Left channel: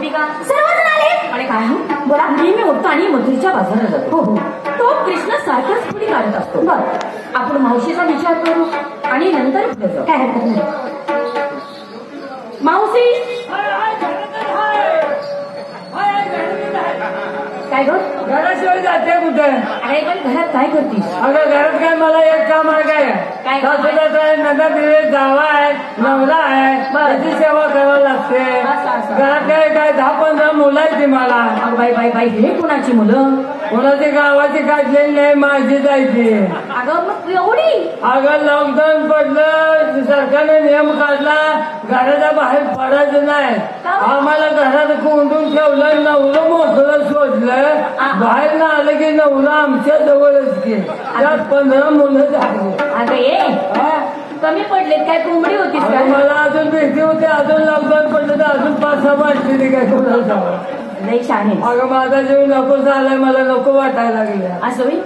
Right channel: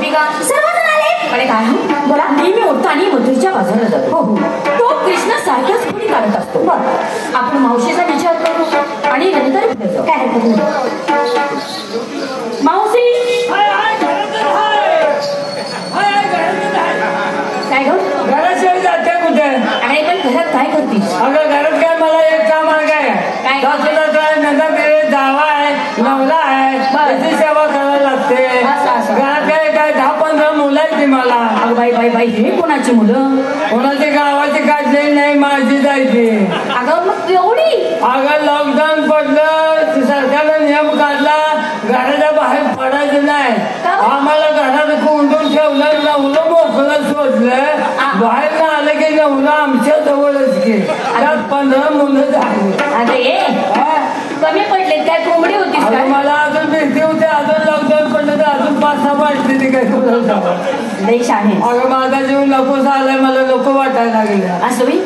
गोपिका सर्वजण आले. अरे काय बोला. नेहमी उठताना मथुरेच्या बाजूला जातो. हो तो कृष्ण सारख्याच पुढे काढत असतो. बघ आपण मावशीचा विचार करू आणि नंतर पुढे जाऊ. काय हरकत नाही. मावशी काय ग घराशिवाय जाते कुठे? अरे पण घरात काय करतीस? अगं घरात काय मला एक काम आहे काय सासूला काय नंतर दिवे जावा आहे नवरा आहे त्याची सेवा करावी लागते. घरात काय 10-15 मुलं आहेत ती मला. बाई बाई बाई हे कोणाची मुलं? कोणाची गावाची काढलेली नाही माझी जायची. अगं मग एवढी? अगं लॉकडाऊन पडलं सरकारनं नियम काढला घराच्या बाहेर पडायचं नाही. आम्हाला घरात कोंडून ठेवलं नवरं मोठं शोधलं बाहेर ना आलं की नवरा आमच्या जवळच घे. त्यात 15 मुलं झाली. अगं ये कमी पडलेत काय? कोंबडी होतीस का? मला अजून भीती होती. अजून लॉकडाऊन पडलं तर अजून 5-6 वाटते ती काय तुला देश आहे. अगं माझा जीव नकोच आलाय मला नको वाटायला लागलं. असं होईल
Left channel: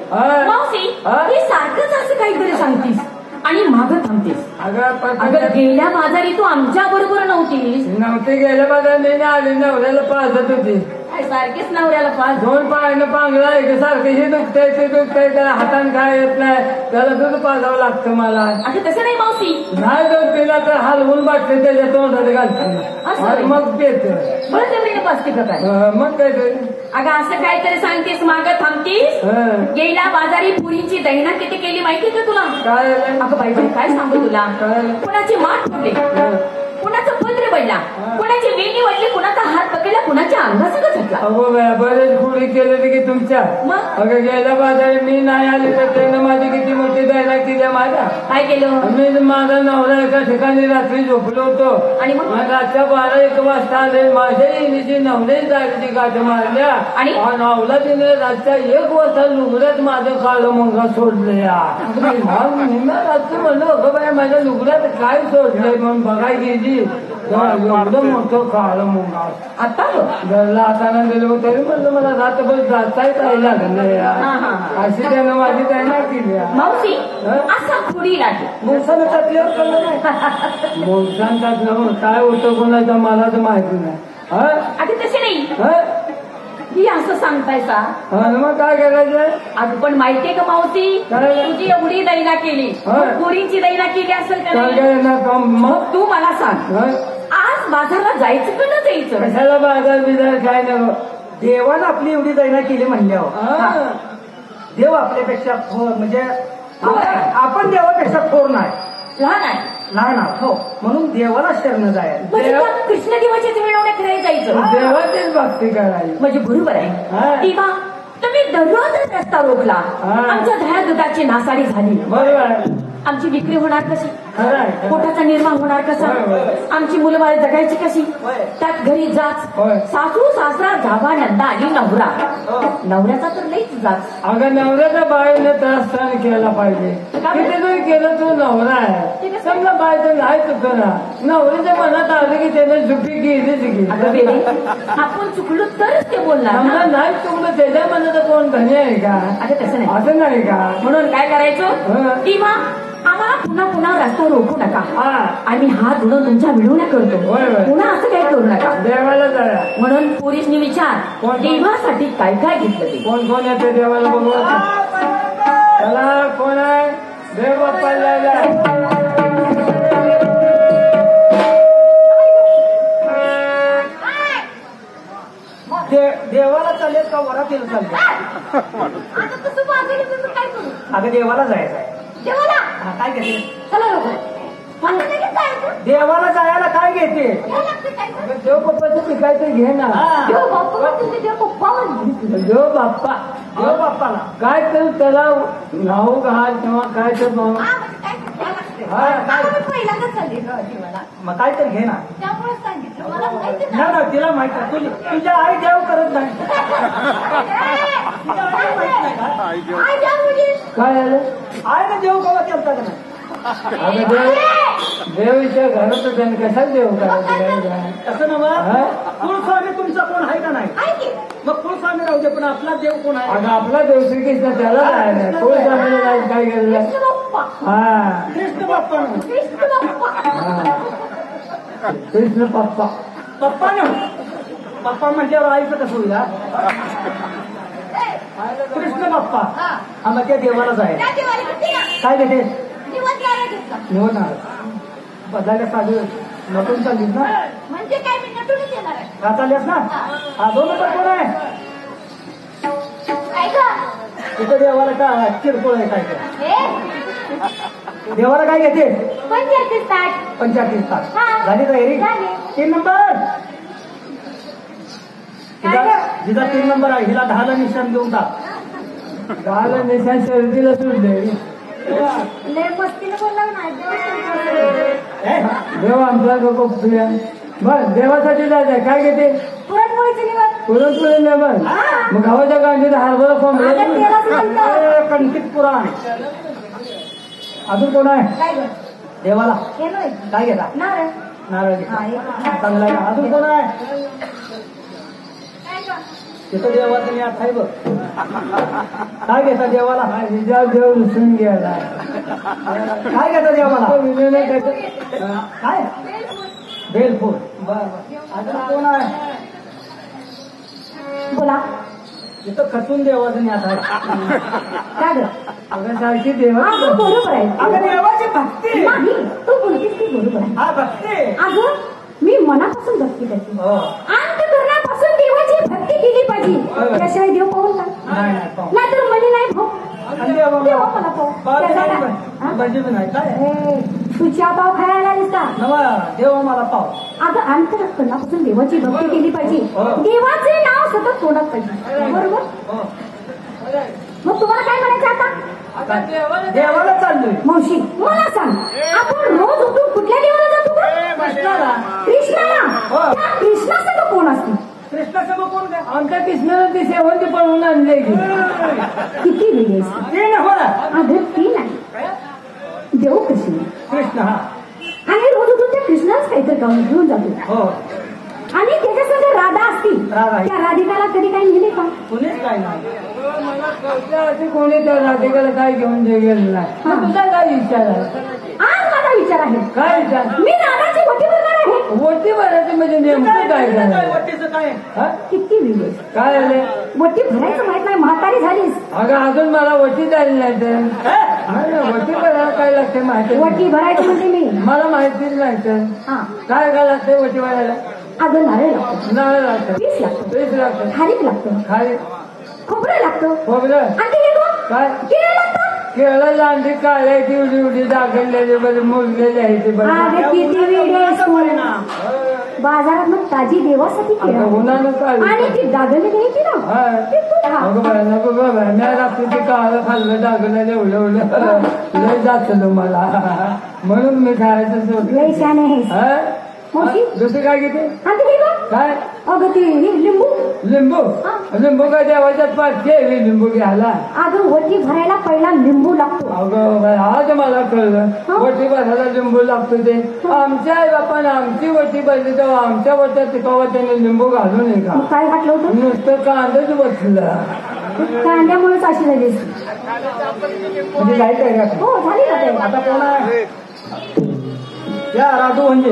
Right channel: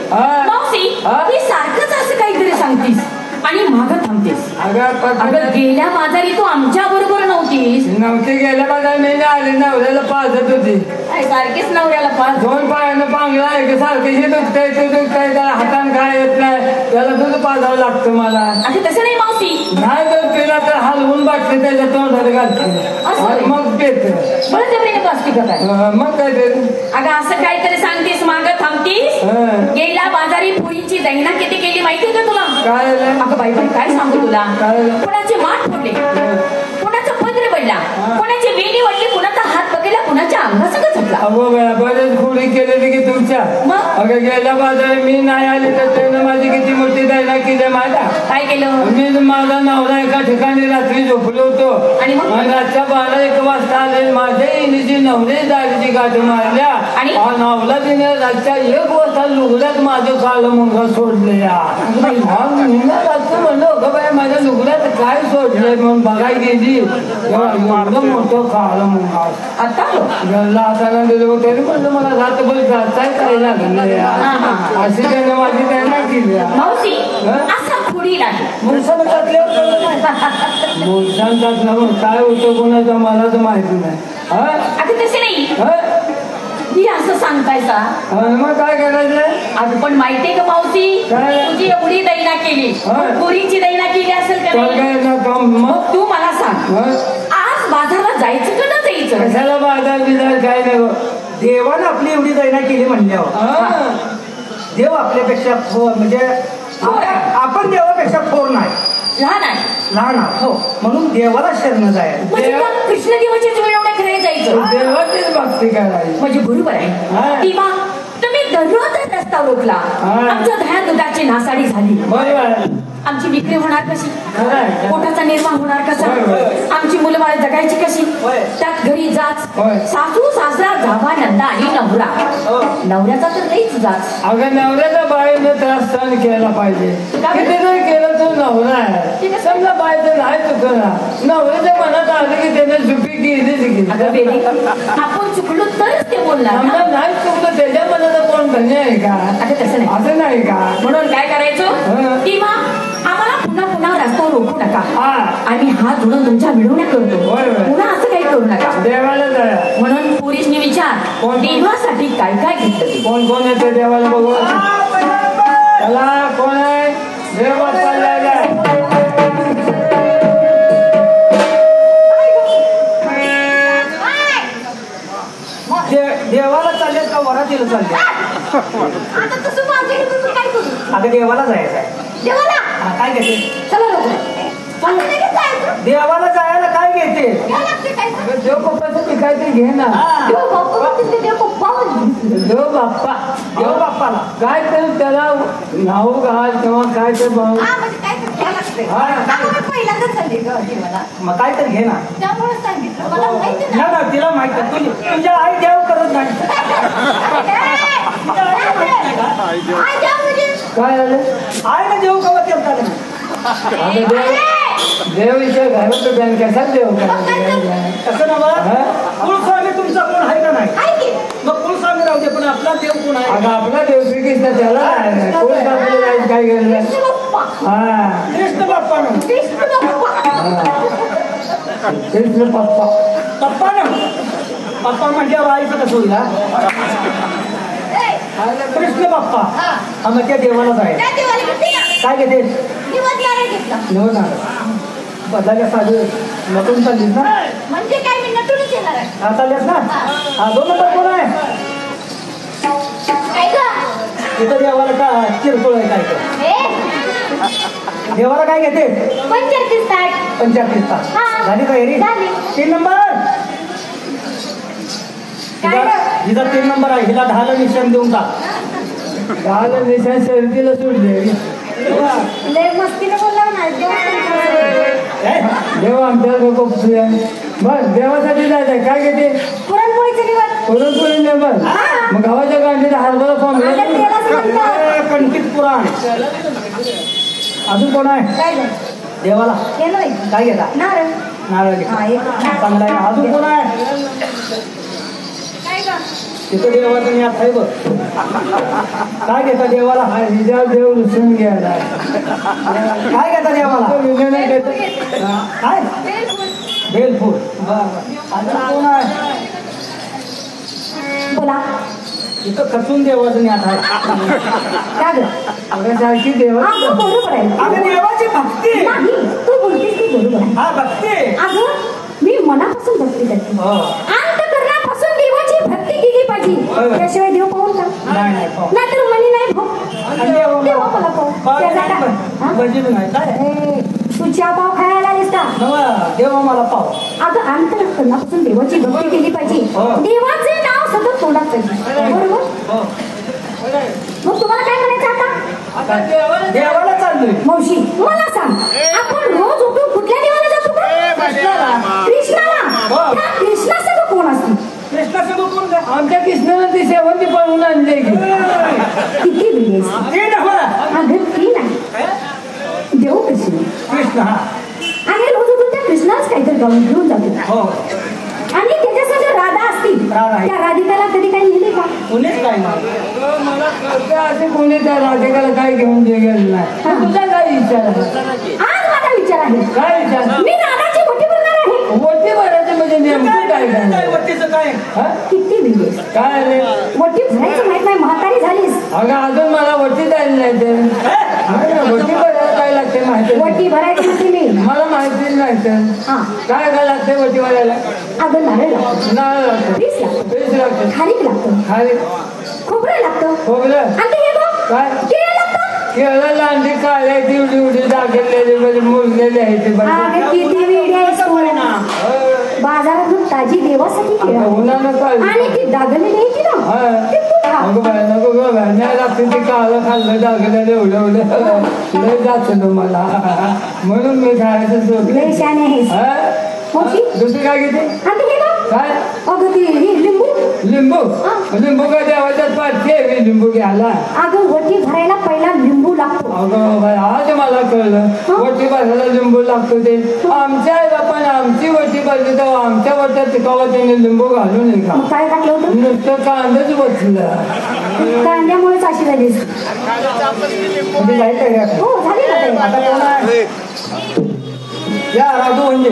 मावशी ही सारखंच असं काहीतरी सांगतीस आणि मागं थांबतेस. अगं गेल्या बाजारी तू आमच्या बरोबर नव्हतीस. नव्हती गेल्या बाजारी मी आले नवऱ्याला पाजत होती. सारखेच नवऱ्याला पाच 2 पायानं पांगला एक सारखं हे दुखतंय ते दुखतंय त्याला हातानं काय येत नाही त्याला दूध पाजावं लागतं मला. असं तसं नाही मावशी. नाही जर केला तर हलवून बाटले त्याच्या तोंडात घालते मग पेत मग काय ते. अगं असं काहीतरी सांगतेस मागं थांबतीस. गेल्या बाजारी पुरीची दैना किती केली माहितीये का तुला? काय अगं बाई बाई काय सांगू तुला. कोणाचे माठ फोडले कोणाचं पत्र पडला कोणाची वेली वाटली कोणाचा हात पकडला कोणाच्या अंगासगळं झटला. अगो बरेच खोडी केलेली की तुमच्या. अगं गेल्या बाजारी मी नाही आले तर त्यानं माझी किती मोठी दैना केली माझा. काय केलं? मी माझा नवरा एका ठिकाणी रात्री झोपलो होतो आणि रातच्या 12-1 वाजता आले माझ्या इनीची नवरे जागेची गाठ मारल्या आणि नवला तिने रातच्या 1 वाजता लुगड्यात माझं काळं मुंगा सोडलेला. रात्र म्हणलं अगं बाई माझ्या लुगड्यात काय सोडलंय म्हणून बघाय गेली मोठं काळं मुंगा आता हाताना दिलं तरी म्हणलं मला रात्रभर जाताय काय लागलं अशी त्यानं माझी त्यांना केली. मावशी असा खोडी नाही मुलसानं टाकल्यावर काय होतं कोणाचा मला तर माहिती नाही. अगं तसे नाही ही असं सांगतायसा मग काय करायचं? अगं पण माहितीये का मावशी तुझी एवढी दैना केली पुरीची दैना केली असेल का? मग तू मला सांग आज बाजारात जायचं का न जायचं? कशाला बाजार बिजार काय नाही. देवानं आपली एवढी दैना केली म्हणल्यावर देव आपल्यापेक्षा म्हणजे आपण देवापेक्षा थोर नाही लहान हो म्हणून देवाला शरण जायचं. कृष्ण देवाच्याच मिळवण्या करायला जायचं देवाचीच भक्ती करायची म्हणजे बरोबर आहे. तेव्हा तुम्ही दररोज रस्ता रोखला आमच्या दह्या दुधाची नासाडी झाली. बरोबर आमची विक्री होणार कशी? पोटाचा निर्माण होणार कसा? आमची मुलं बाळ जगायची कशी? त्यात घरी जाच सासू सासरा जावा नंदा आणि नवरा नवऱ्याचा तर नाहीच जाच. अगं नवऱ्याचा बाईने त्रास सहन केला पाहिजे. किती जर केलं तो नवरा आहे समजा बायचं नाही चुकणार नवऱ्याच्या मनात आलं की त्याने चुकी केलीच की. आपण चुकलो तरच ते बोलणार नाही चुकलं त्याच्या मनात कोण धन्य आहे का? अगं तसं नाही असं नाही का? म्हणून काय करायचं तेव्हा आम्हाला पुन्हा पुन्हा रस्त्यावर रोखू नका. आम्ही हात धुणं तुमच्या मिळवण्या करतो पुन्हा असं काही करू नका. देवाला जाय म्हणून पोरीसनी विचार देवासाठी काय काय घेतलं ते. कोण कोण येते देवाला बघू त्याला कोण आहे? देव देवाला चालेल का वरातीला चालेल? अगं देवाला जायचं काय घेते? देवाला जायला काय घेते? देव बाप्पाचं मी काहीतरी घे ना. देव बाप्पाला काय तर त्याला नाव घाल किंवा काय ते मग काय तर घे ना. तिला माहिती तुझ्या आई देव करत नाही. काय झालं? आई ना देव कवा केलता देवीच्या घरात कशात देव असं ना कुलस्वामी तुमचा कोण आहे का नाही? मग कुलस्वामी राहू दे पण आपला देव कोण आहे? आपला देव श्रीकृष्ण त्याला काय केलं? कृष्ण बाप्पा कृष्ण पप्पा पप्पा ना पप्पा म्हटल्यावर आईचं कसं होईल हा? कृष्ण बाप्पा हा मग त्या देवालाच आहे काय घेते निवडणार बदलायला साधू नटून चाललीस ना म्हणजे काय मी नटूनच येणार आहे. हा चाललीस ना हा दोन नंबर कोण आहे काय गं? तिथं देवाला का किरकोळ आहे काय का देवाला काय घेते 35 तास झाली तयारी झाली. 3 नंबर हिचा 3 नंबर आहे हिला 10 ला निशाण देऊन टाक 10 ला निशाण शर्दीला सोडले लय मस्तीने बोलला ना देव आमचा लोक बर देवासाठी जायचं काय घेते पुरणपोळीचं निवड पुरणपोळी नेमन मग गावाच्या गांडीत हरभरा कोंबड्या कणकित पुराण अजून कोण आहे काय गं? देवाला केलं बाई. काय घेता नारळ. नारळ घेता हा, एक. चांगला आहे अजून कोण आहे काय गं? तिथं देवाचं मी आता आहे बघ काय घेता देवाला हिजा देव लसून घ्यायला काय घेता देवाला काय बेलफूल अजून कोण आहे बोला. इथं खचून देवाचं मी आता आहे काय गं? सारखी देवा अगं, बरोबर आहे. अगं देवाची भक्ती नाही, तू बोलतेस ते बरोबर आहे. हा भक्ती अगं, मी मनापासून भक्ती करते. हो अंतःकरणापासून देवाची भक्ती केली पाहिजे. त्याशिवाय देव पाहून का? नाही पाहू. नाहीतर मनी नाही भाऊ. देव मला पाहू. त्याचा काय? हा? भजन नाही काय ए, तू चहा पाव खायला आलीस का? नवा देवा मला पाव अगं, अंतःकरणापासून देवाची भक्ती केली पाहिजे. हो. देवाचे नाव सतत तोंडात पाहिजे. बरोबर? हो मग तुम्हाला काय म्हणायचं आता? देवाला चाललोय मावशी, मला सांग, आपण रोज उठून कुठल्या देवाला जातो का? कृष्णाला. हो. त्या कृष्णासंग कोण असते? कृष्णासोबत कोण काय आमच्या कृष्णाला ते शेवंती पळवून आणले की किती वेगळी असते? ते नव्ह अगं, ती नाही. देव कृष्ण. कृष्ण हा आणि रोज उठून त्या कृष्णालाच काहीतरी गाऊन घेऊन जातो. हो आणि त्याच्यासंग राधा असती. राधा आहे. त्या राधिकाला कधी काही लिहिले का? कुणीच काय नाही मला कळतं असे कोणी तर राधिकाला काय घेऊन दे गेलं नाही मग तुझा काय विचार आहे आज माझा विचार आहे. काय विचार मी राधाची मोठी बोलणार आहे. वरती भरायचं म्हणजे नेमकं काय काय करणार वट्टीचं काय हा? किती वेगळी असते. काय आले मोठी भरायचं माहित नाही, म्हातारी झालीस. अगं अजून मला वरती जायला नाही तर वरती भरायला काय लागते माहिती नाही. मोठी भरायची म्हणजे मी. मला माहितीच नाही तर हा. काय काय लागते वरती भरायला अगं, नारळ लागतो, नारळ लागतं पीस लागतो, पेज लागतं खारीक लागतं, खाली खोबरं लागतं, खोबरं आणि हे बघ, काय केळं लागतं. केळं लांडी काढल्या ती एवढी एवढी दाखवलेली म्हणजे मोजलेली आहे ते अगं, किती वेळ आहेस तू. बाजारातून ताजी देवासाठी केळं. उन्हानं काढली आणि ती दागलेली आहे ती ना, ती तू खा. अगं बाय नको ग बाय नाही लागते ते काळं खाल्लं दाखवलेलं एवढं एवढं लय जातं मला म्हणून मी खायचं लय सोडलं शाने आहेस. हा? मावशी? दुसरी काय घेते आणि हे बघ, काय अगं, ती ही लिंबू. लिंबू काय देवाच्यात पाठते मी लिंबू घ्यायला अगं, वटी भरायला पहिला लिंबू लागतो. अगं बाय आज मला कळलं वटी भरायला लिंबू लागतो ते आमच्या आपण आमची वटी भरली तर आमच्या वट्यात टिकावं त्याने लिंबू घालून ये का मग काय घातलं होतं? नुसतं कांदाच बसलं कांद्यामुळेच अशी झालीस. म्हणजे जायचं आहे का? हो, झाली ना ते. आता कोण आहे या राजू म्हणजे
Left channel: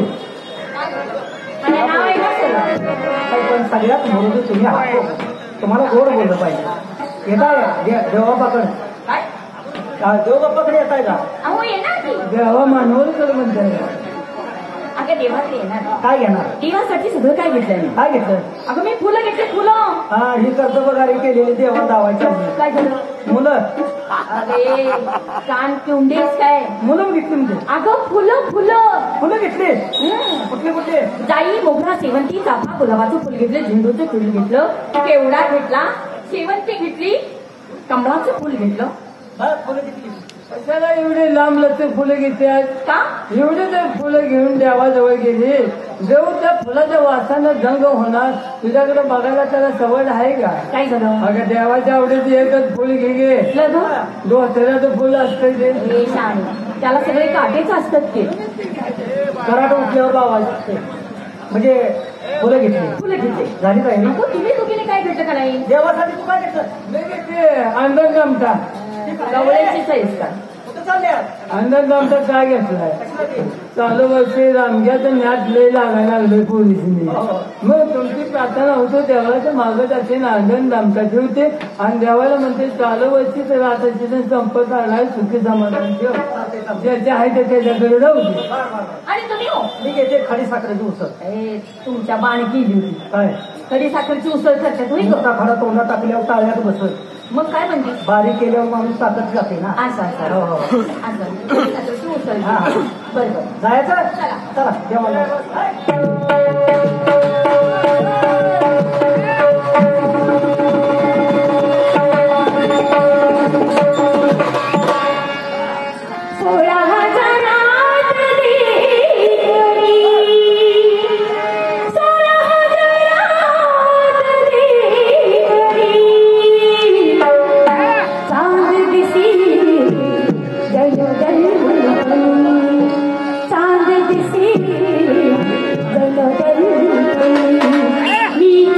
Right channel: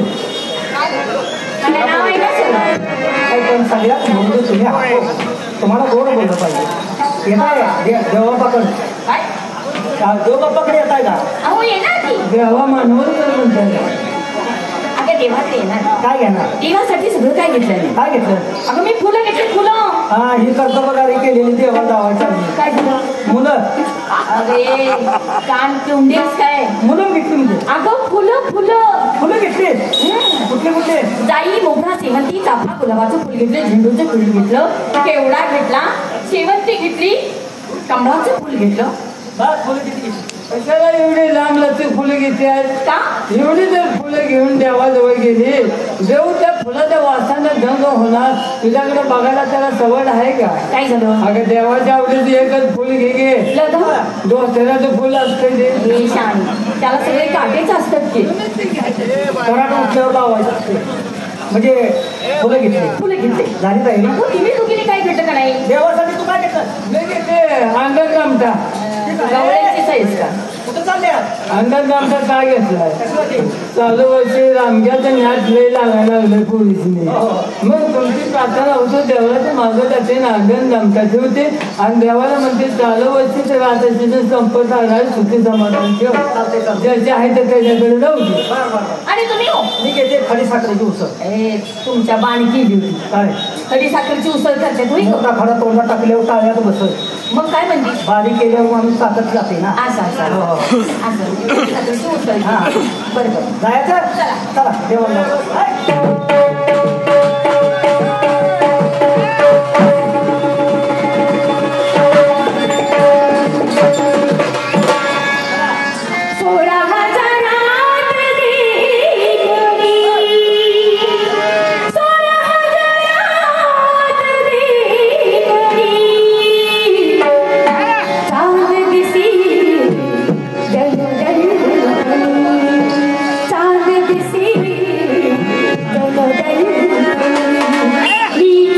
आणि नाव आहे ना सगळं. काही पण सगळ्यात म्हणून तुम्ही आहात. तुम्हाला गोड बोललं पाहिजे येत आहे देवाबाकडे देवबाप्पाकडे येत आहे का अहो, येणार की. देवा मानवर म्हणते अगं, देवाकडे येणार. काय घेणार देवासाठी सगळं काय घेतलं मी? काय घेतलं अगं, मी फुलं घेतली, फुलं. हा ही कर्तव्यकारी केलेली देवा जावायच्या काय झालं? मुलं अरे, कान पिवंडीस काय? मुलं घेतली म्हणजे अगं, फुलं फुलं. फुलं घेतली कुठले कुठले जाई, मोगरा, शेवंती, चाफा, गुलाबाचं फुल घेतलं, झेंडूचं फुल घेतलं, केवडा घेतला, शेवंती घेतली, कमळाचं फुल घेतलं. हा फुलं किती घेतली कशाला एवढी लांब लचक फुलं घेते का? एवढी जर फुलं घेऊन देवाजवळ गेली देव त्या फुलाच्या वासाने दंग होणार तुझ्याकडे बघायला त्याला सवड आहे का काय झालं? अगं देवाच्या आवडीची एकच फुल घे दोस्त्याचं फुल असते ते हे शाणी, त्याला सगळे काटेच असतात की. कराट उठल्यावर लावायचं असते म्हणजे फुलं घेतली फुलं घेतले. झाली तयारी अगं, तुम्ही दोघींनी काय घेतलं का नाही? देवासाठी तू काय घेतलं मी घेते अंडर कामटा गवळ्याची साईज का? कुठं चालल्यात अंदाज आमचा काय घेतलाय कशासाठी चालू वर्षी रामग्याचं नाट लय लागायला लागले पोलिसने मग तुमची प्रार्थना होतो देवाच्या मागं त्याचे नागण दामटा ठेवते आणि देवाला म्हणते चालू वर्षी तर आता तिथे संपत आलाय सुखी समाधान ठेव ज्याचे आहे ते त्याच्याकडे राहू दे. आणि तुम्ही हो मी घेते खडी साखरेची उसळ ए तुमच्या बाण केली होती काय खडी साखरची उसळ करते तुम्ही मोठा खडा तोंडात टाकल्यावर टाळ्यात बसत मग काय म्हणते बारीक केल्यावर माणूस ताकद जाते ना असं असं हो, हो. असं खडी साखरची उसळ बरोबर जायचं चला देवाला मी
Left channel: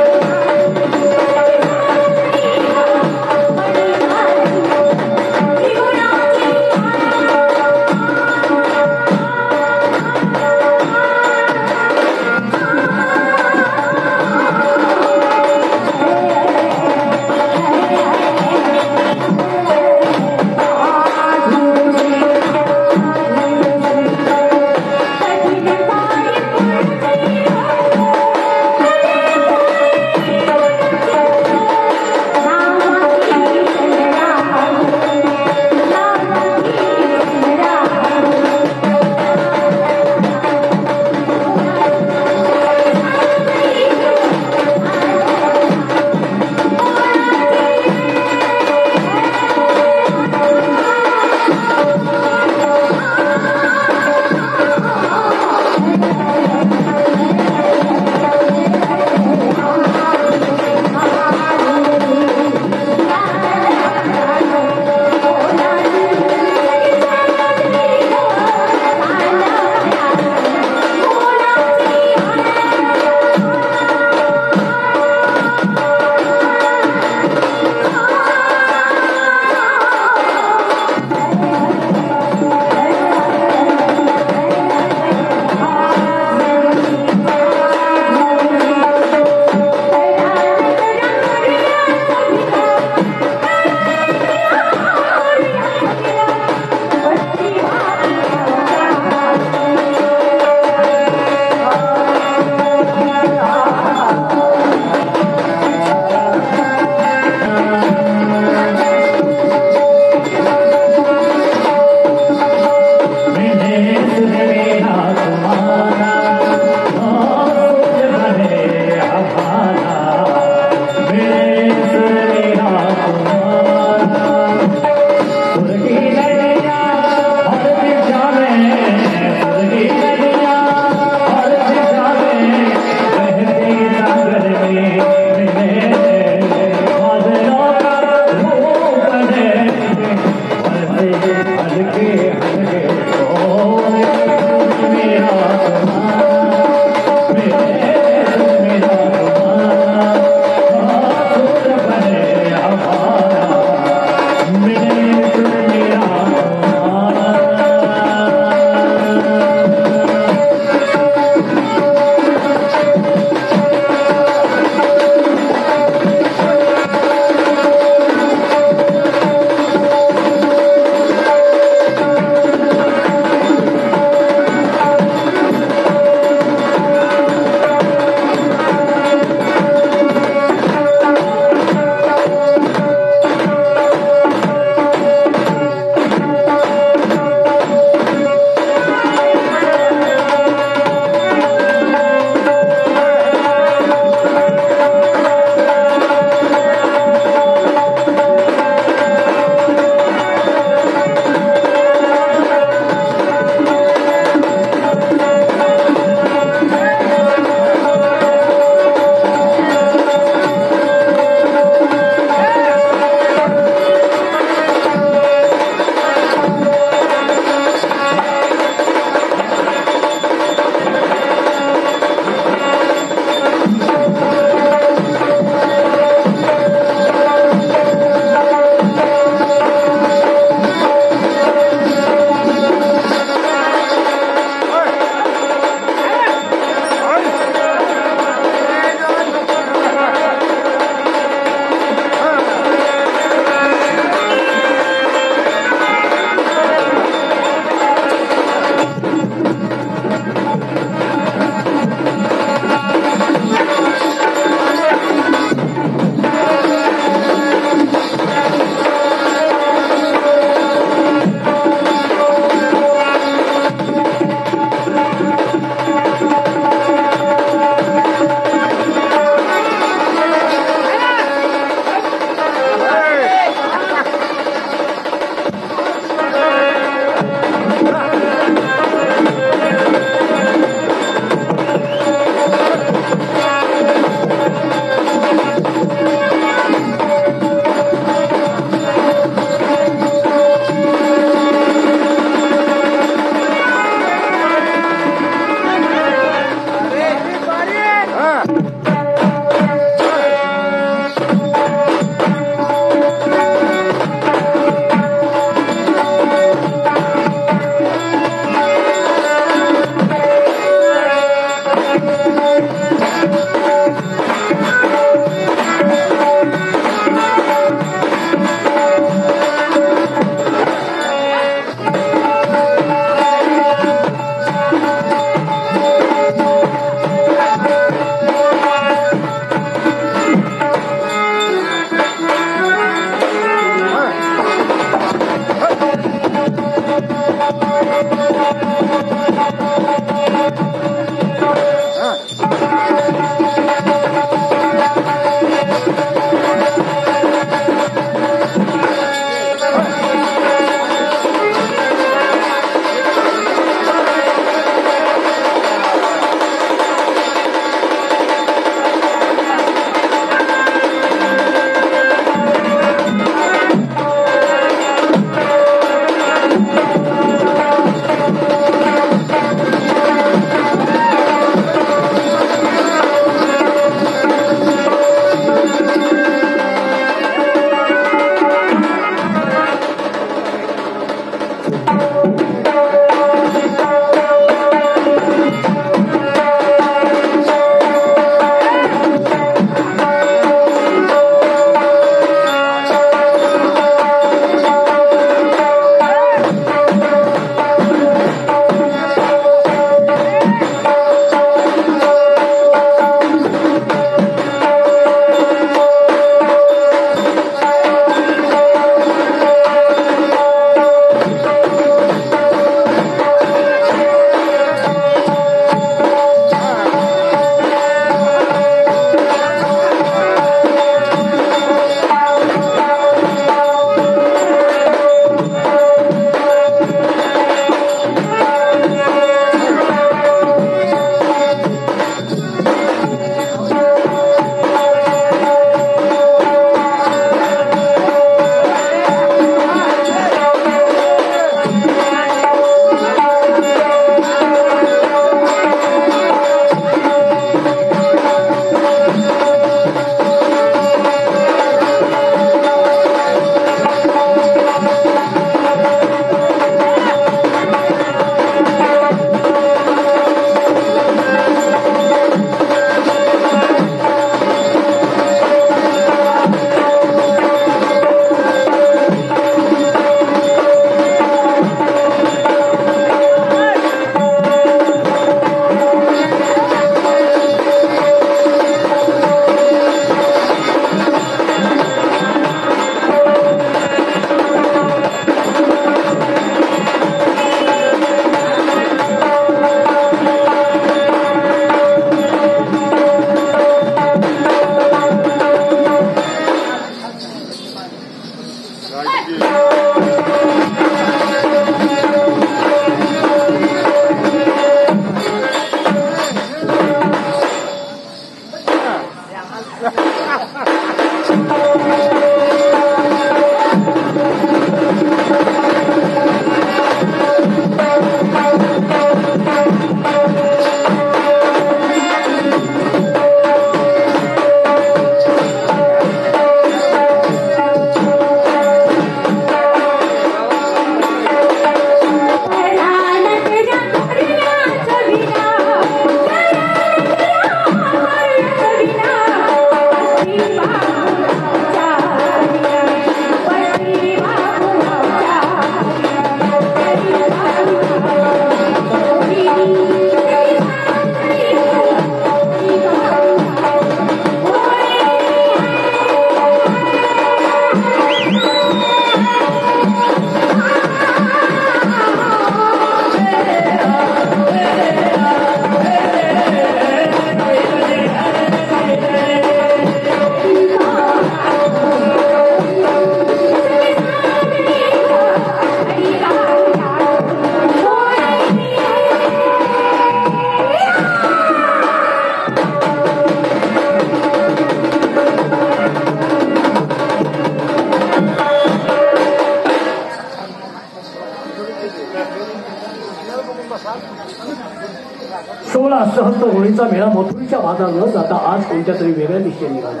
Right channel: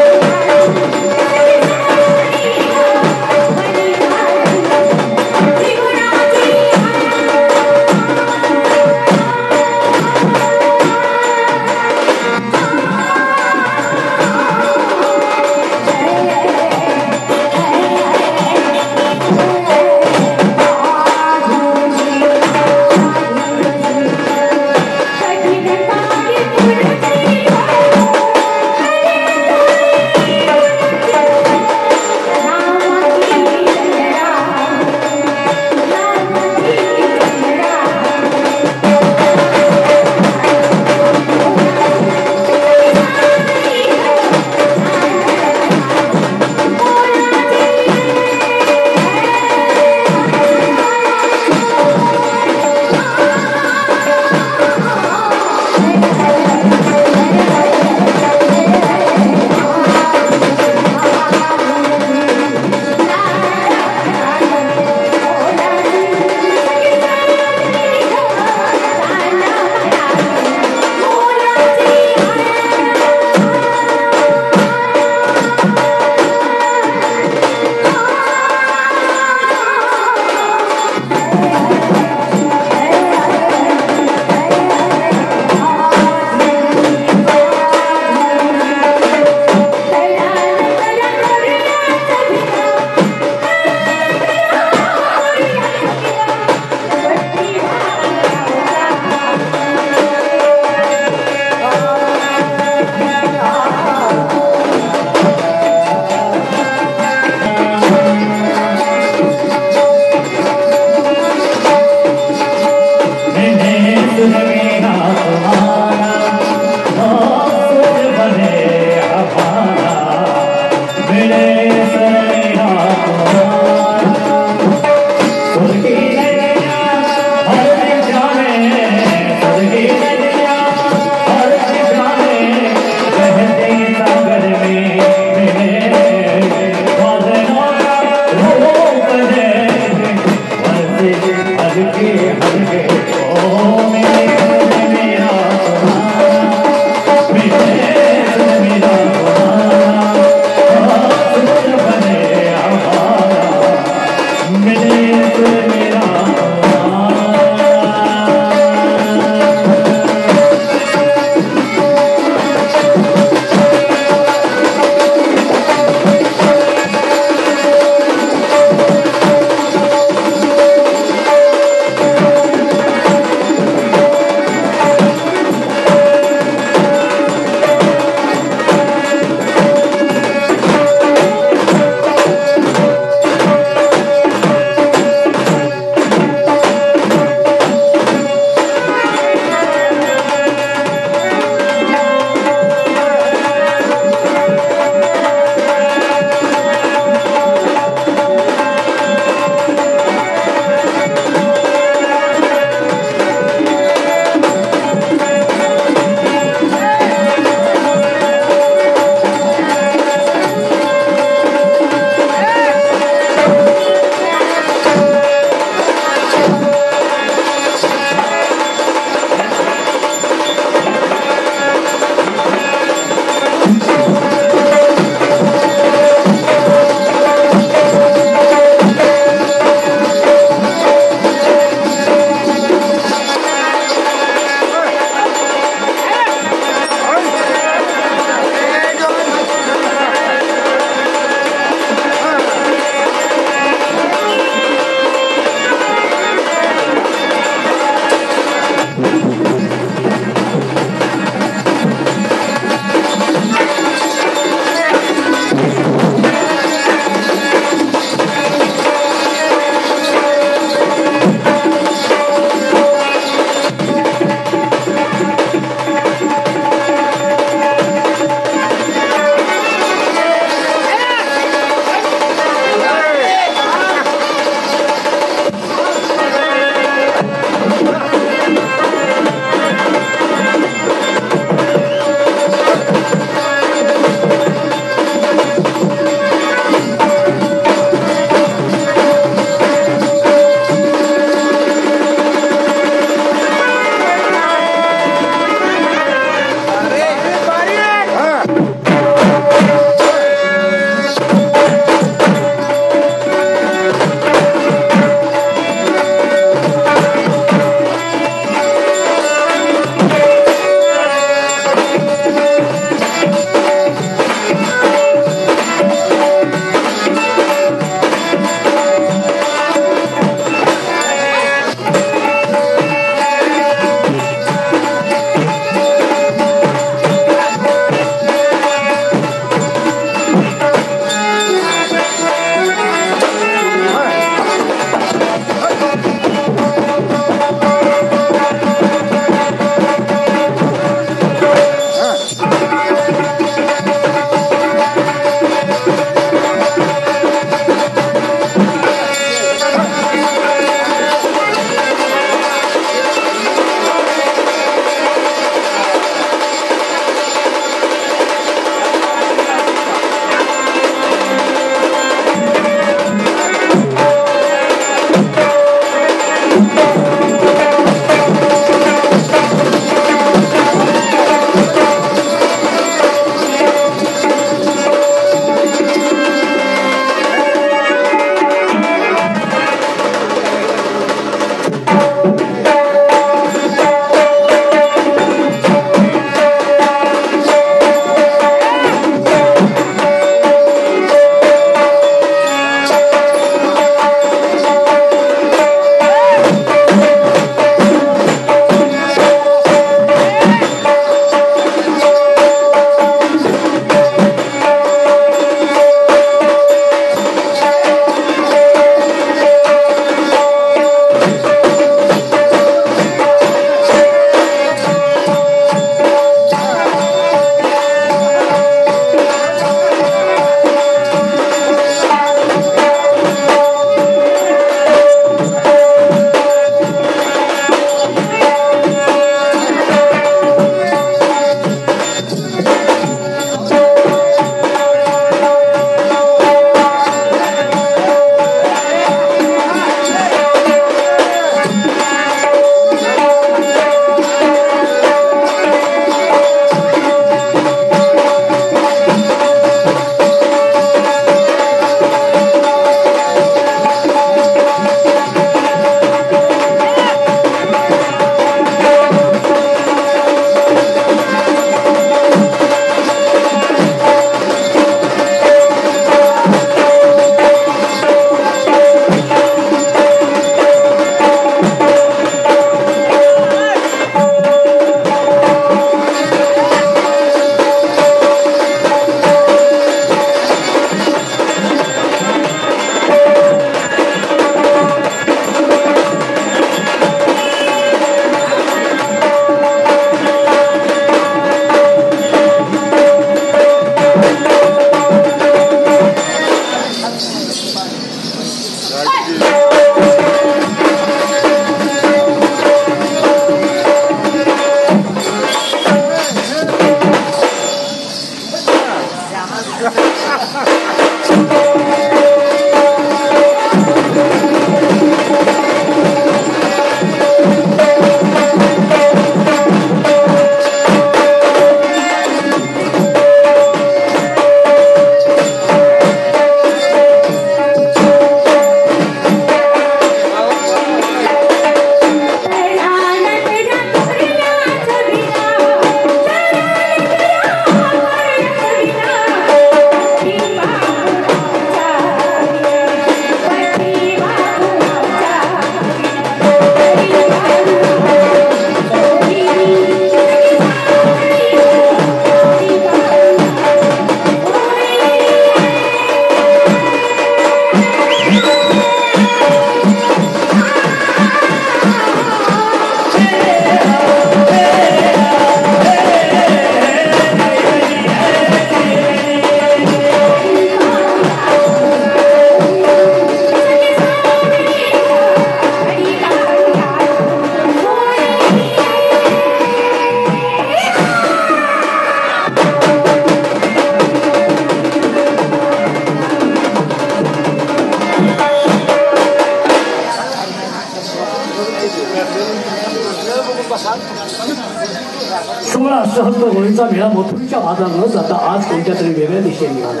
सोळा सहस्त्र होळीचा मेळा मथुरीच्या बाजार न जाता आज कोणत्या तरी वेगळ्या दिशेने निघाला.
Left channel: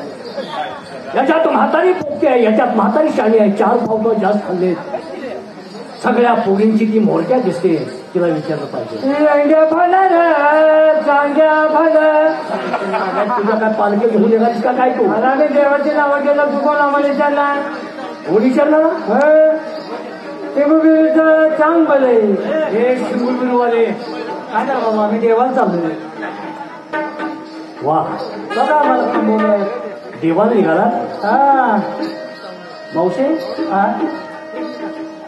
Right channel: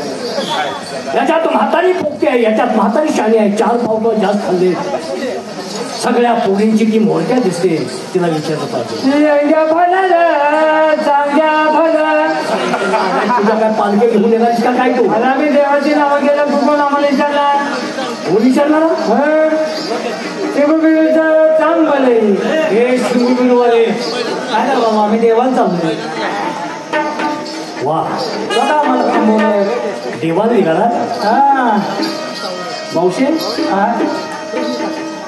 याच्यात म्हातारी पोगती आहे, याच्यात म्हातारी शाणी आहे. 4 पावलं जास्त खाल्ले. सगळ्या पोळींची ती मोठ्या दिसते. तिला विचारलं पाहिजे तुझ्या काय पालखी घेऊन निघालीस का काय? तू आम्ही देवाची नावं गेलं तू कोण आम्हाला विचारला? कोण विचारला? ते चांगले हे शिववाले काय बाबा आम्ही देवाला चाललोय. वा देवाला निघाला. मावशी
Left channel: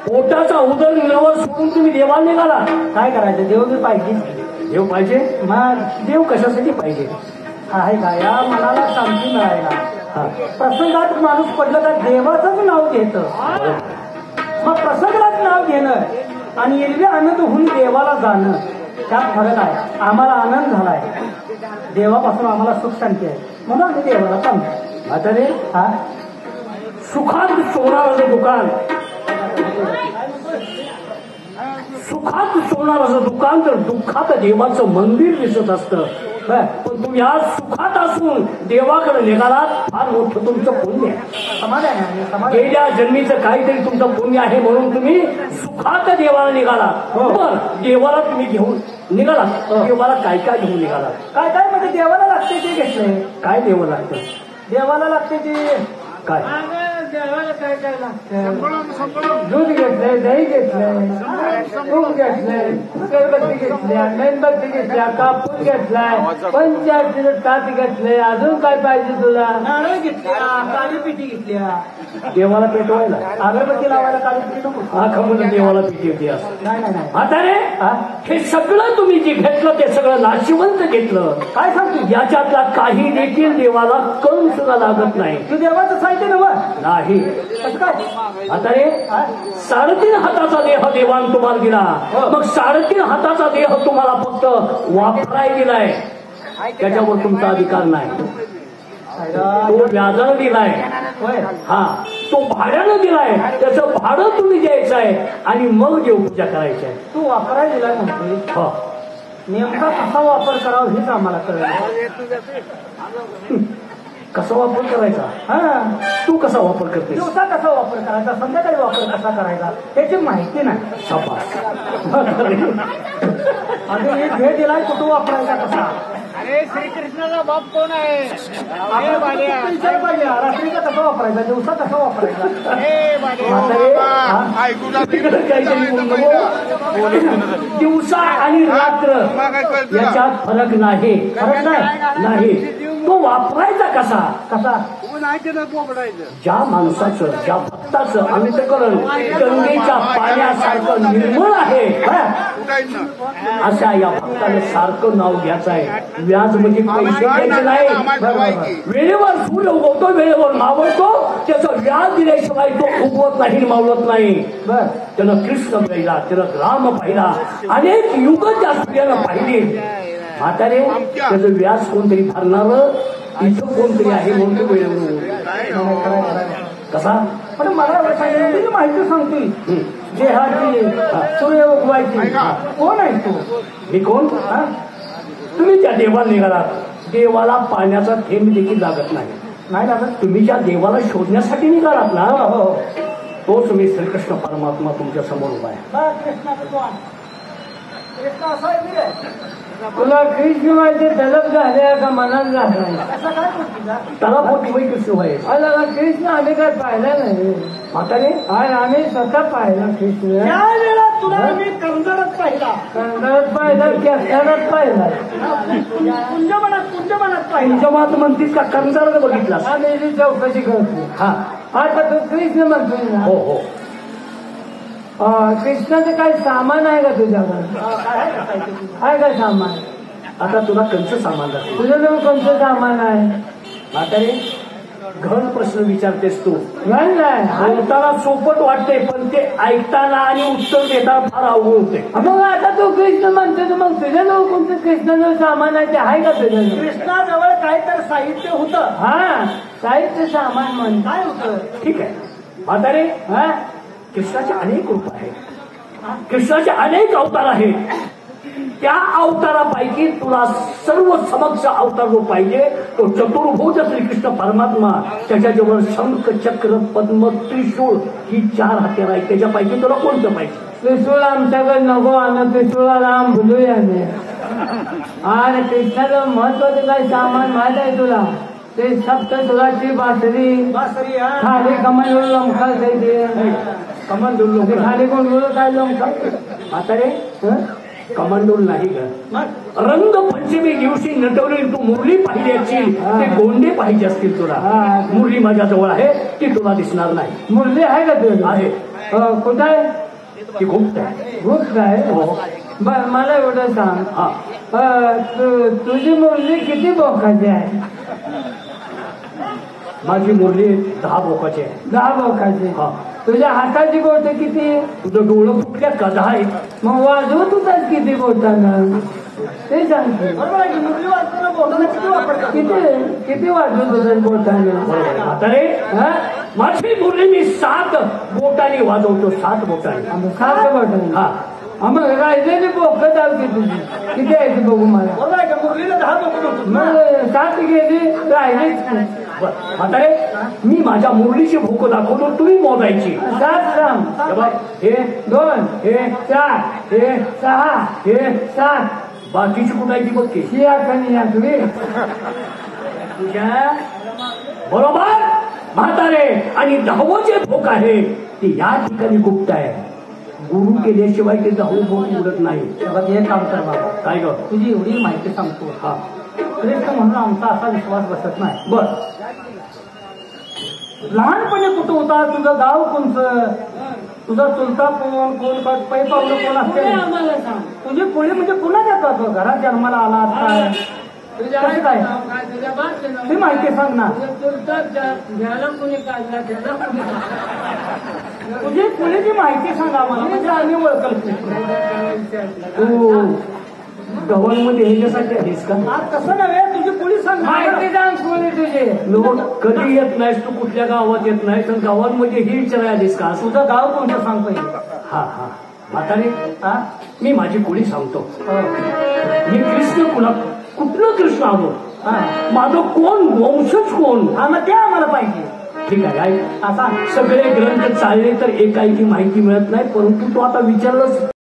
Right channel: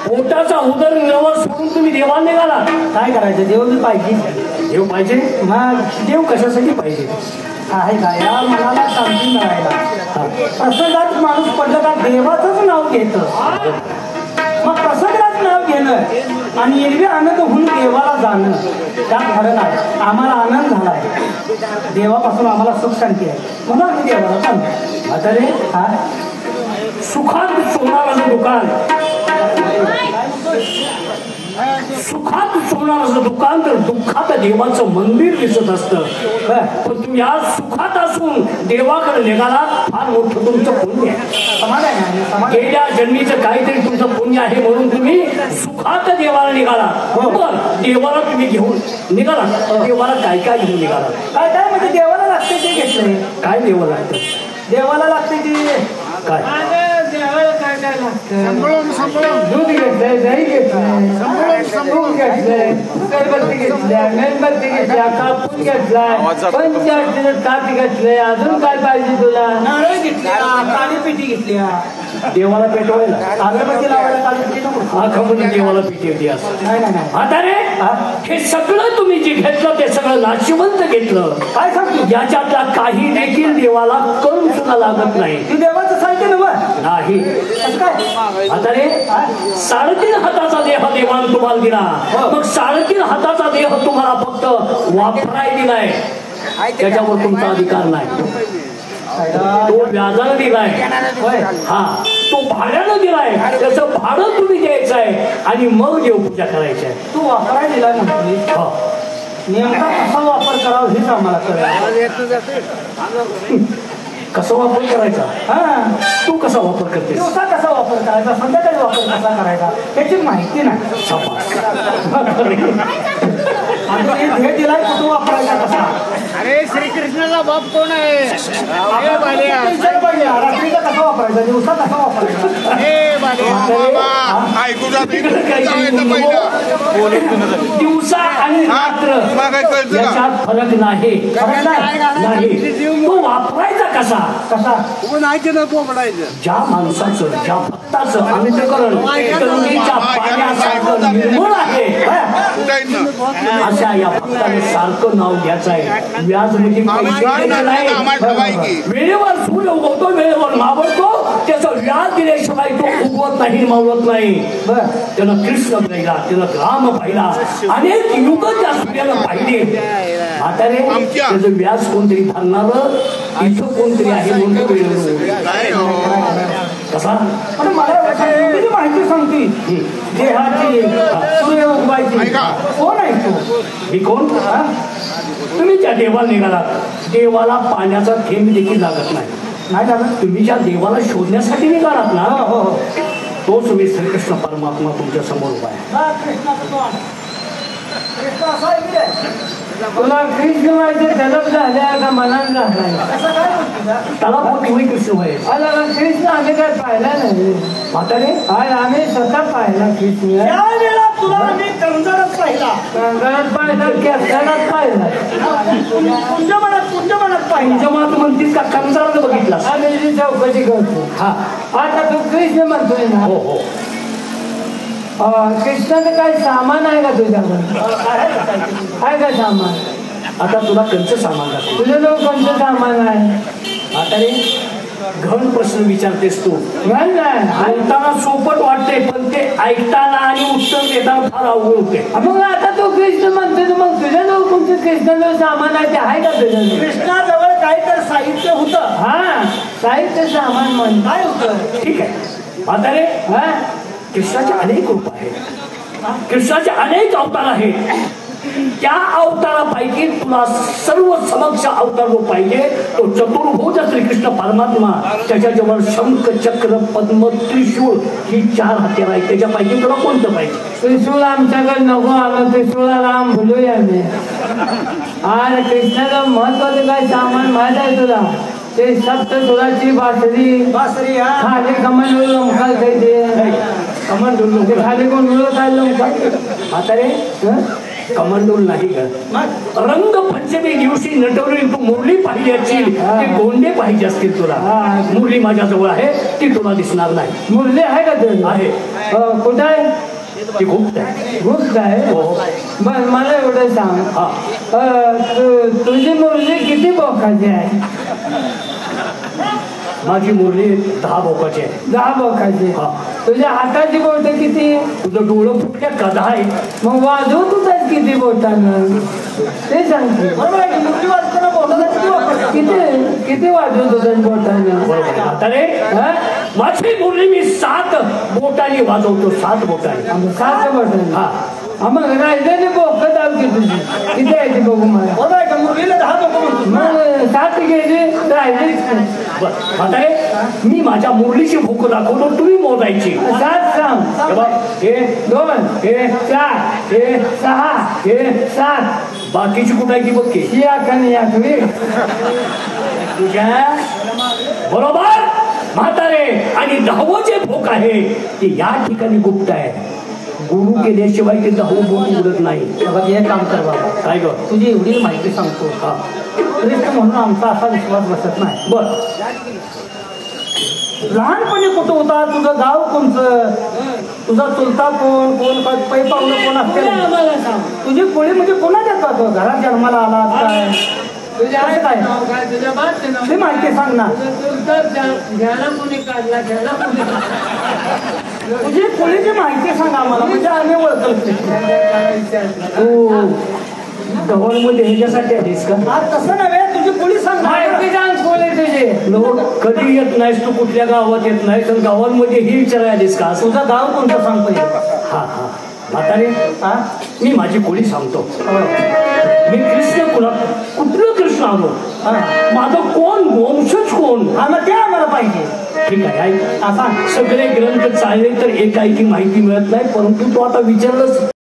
पोटाचा उदरनिर्वाह सोडून तुम्ही देवाला निघाला. काय करायचं? देव तर पाहिजे. देव पाहिजे. देव कशासाठी पाहिजे आहे का? या मनाला शांती मिळायला. प्रसंगात माणूस पडलं का देवाचंच नाव घेतं. मग प्रसंगात नाव घेणं आणि एरवी आनंद होऊन देवाला जाणं त्यात फरक आहे. आम्हाला आनंद झालाय, देवापासून आम्हाला सुख शांती आहे म्हणून आम्ही देवाला सांगतो. आता रे हा सुखात सोनाराचं दुकान, सुखात सोनाराचं दुकान तर दुःखात देवाचं मंदिर दिसत असतं. पण तुम्ही आज सुखात असून देवाकडे निघाला. फार मोठं तुमचं पुण्य आहे. गेल्या जन्मीचं काहीतरी तुमचं पुण्य आहे म्हणून तुम्ही सुखात देवाला निघाला. बरोबर. देवाला तुम्ही घेऊन निघाला. देवाला काय काय घेऊन निघाला? काय काय म्हणजे देवाला लागते ते घेतलंय. काय देवाला लागतं? देवाला लागते ते काय? देवाला काय काय लागतं? दूध घेतलंय, दही घेतलंय, तूप घेतलंय, अगरबत्ती घेतल्या, मेणबत्ती घेतल्या, कापूर घेतलाय, पंचायतीने ताट घेतलंय. अजून काय पाहिजे तुला? नारळ घेतल्या, काळी पिठी घेतल्या. देवाला पेटवायला अगरबत्ती लावायला काळी पिठी नको. म्हणून देवाला पिठी होती असं. आता रे हे सगळं तुम्ही जे घेतलं ते सगळं नाशिवंत घेतलं. काय सांगतो? याच्यातला काही देखील देवाला करून सुद्धा लागत नाही. ती देवाचं साहित्य नाही. आता रे 3.5 हाताचा देह देवाला तुम्हाला दिला. मग 3.5 हाताचा देह तुम्हाला फक्त वापराय दिलाय. त्याच्यावर तुमचा अधिकार नाही. तो व्याजानं दिलाय. हा तो भाड्यानं दिलाय. त्याचं भाडं तुम्ही द्यायचं आहे आणि मग देवपूजा करायची आहे. तू वापराय दिलाय म्हटली. नेमका कसा वापर करावा हेच आम्हाला कळलं. कसा वापर करायचा? तू कसा वापर करते? दिवसा कसा वापर करायचा, संध्याकाळी वापर कसा करायचा याची माहिती नाही. शाबास. आता हे भेट दिलाय कुठं वापरायचा कसा? अरे श्रीकृष्णाचा बाप कोण आहे? विचार पाहिजे. रात्रीचा कसा वापरायचा, दिवसा कसा वापरायचा? दिवसा आणि रात्र याच्यात फरक नाही. तो वापरायचा कसा? कसा? ज्या माणसाचं, ज्या भक्ताचं अंतःकरण गंगेच्या पाण्यासारखं निर्मळ आहे अशा या भक्ताने सारखं नाव घ्यायचं आहे. व्याज म्हणजे पैसे द्यायचे नाही. वेळेवर सूर्य उगवतो, वेळेवर मावळतो. त्याचं व्याज दिल्याशिवाय तो उगवत नाही, मावळत नाही. त्यानं कृष्ण पाहिला, त्यानं राम पाहिला, अनेक युग त्या सूर्यानं पाहिले. म्हातारे त्याचं व्याज कोणतरी धरणार इथं कोणतरी आहे म्हणून कसा? मला माहिती सांगते देहाची सूर्य उगवायची. कोण आहे तू? मी कोण? तुम्ही ज्या देवाला निघालात देवाला पाण्याचा थेंब देखील लागत नाही लागत. तुम्ही ज्या देवाला शोधण्यासाठी निघालात ना तोच मी श्रीकृष्ण परमात्मा तुमच्या समोर उभा आहे. तुला कृष्ण माहिती जलप झाल्या का मनात झाला? त्याला फक्त तुम्ही कृष्ण व्हायचं. कृष्ण आम्ही काय पाहिला नाही. म्हातारे आम्ही स्वतः पाहिला कृष्ण. तुला आम्ही कंजरच पाहिला. कंजरच पाहिला की असल्यालाच पाहिला. पंचमात म्हणतीस का कंजर बघितला? आम्ही चौकशी करतो. हा आता तू कृष्ण म्हणतोय ना? हो हो. कृष्णाचं काही सामान आहे का तुझ्याकडे? आहे का सामान? आता तुला कंच सामान लागतं. तुझं नाव कोणतं सामान आहे? आता रे घन प्रश्न विचारतेस तू. घन नाही बोलताना सोपट वाटते पण ते ऐकताना आणि उत्तर देताना फार अवघड होते. मग आता तू कृष्ण म्हणतो मग तुझ्या जवळ कोणतं कृष्णाजवळ सामान आहे ते आहे का तुझ्या? कृष्णाजवळ काय तर साहित्य होतं. हा साहित्य सामान म्हण काय होतं? ठीक आहे. आता रे कृष्णाचे अनेक रूप आहेत. कृष्णाचे अनेक अवतार आहेत. त्या अवतारापैकी तुला सर्व समक्ष अवतार जो पाहिजे तो चतुर्भुज श्रीकृष्ण परमात्मा. त्याच्याजवळ शंख चक्र पद्म त्रिशूळ ही 4 हत्यार आहेत. त्याच्यापैकी तुला कोणतं पाहिजे? त्रिशूळ आमच्याकडे नको आलं. त्रिशूळाला आम भुलूया नाही. आणि कृष्णाचं महत्वाचं काय सामान माहित आहे तुला? ते सप्तसुराची बासरी खाली कमंडलू लमखाल खायचे. कमंडलू ते खाली कोण गेलो काय लमखाल आता रे कमंडोल नाही का? रंगपंचमी दिवशी नटवलेली तू मुरली पाहिजे असतील, ते गोंडे पाहिजे असतील तुला. मुरली माझ्याजवळ आहे, ती तुला दिसणार नाही. मुरली आहे का ते? आहे. कुठं आहे? ती गुप्त आहे. गुप्त आहे. बर मला एवढं सांग, तुझी मुरली किती बोकाची आहे? माझी मुरली 10 बोकाची आहे. 10 बोकाची. तुझ्या हाताची बोट किती? तुझं डोळं फुटल्यात का? 10 आहे. मग वाजव तुझ्यात किती बोटानं ते सांग. किती वाजव तुझ्या बोटानं? आता रे माझी मुरली मी 7 बोटाने वाजवतो. 7 बोटाने. 7 बोटाने. हा. मग राहिलेली बोक दावती तुझी किती आहे ती बघू मला. मुरलीला 10 बोकं म्हणतो. मग 7 गेली राहिलीच. आता रे मी माझ्या मुरलीची भूक दाखवतो, तुम्ही मोजायची. 7 सांग. हे 2 हे 4 हे 6 हे 7. बाकीची कुठायची बघ की. ही आखणी आखणी तुझ्या बरोबर म्हातारे. आणि 10वं जे भोक आहे ते या ठिकाणी गुप्त आहे. गुरु केल्याशिवाय ते 10वं भोक उडत नाही. हे काम कर बाबा. काय ग? तुझी एवढी माहिती सांगतो. श्रेष्ठ म्हणून आमचा असा विश्वास बसत नाही. बर लहानपणी कुठं होता? तुझं गाव कोणतं? तुझा चुलता कोण? कोण पै पाहुणे कोण असते? आम्हाला सांग. तुझी पुढे म्हणजे कोणाच्या जातो? घरात जन्माला आला काय? तुझ्या कसं काय? नाव काय? तुझ्या बादचं नाव ती माहिती सांग ना. तुझं चुलताच घ्यायला कोणी काढला? घ्यायला कोणी काढला? तुझी पुढेची माहिती सांग आम्हाला, म्हणजे आम्ही ओळखतो. ढवळमध्ये ह्याच्यासाठी आलीस का? तसं नव्हे, तुझी पुढे सांग ना. माहिती सांग कोणी तुझे. लोक कधी येत नाहीस तू, कुठल्या गावात येत नाही तर गावांमध्ये ही विचारायलीस का? तुझं गाव कोणतं सांगतोय? हा हा म्हातारे हा? मी माझी कुणी सांगतो. हो. मी कृष्ण कुठलं कृष्ण आलो? माझं कोण वंशज कोण? हा, मग ते आम्हाला पाहिजे. ठीक आहे ऐक. सांग. सगळे ग्रंथ चालले तर एकाएकी माहिती मिळत नाही, परंतु तू आता विचारलंस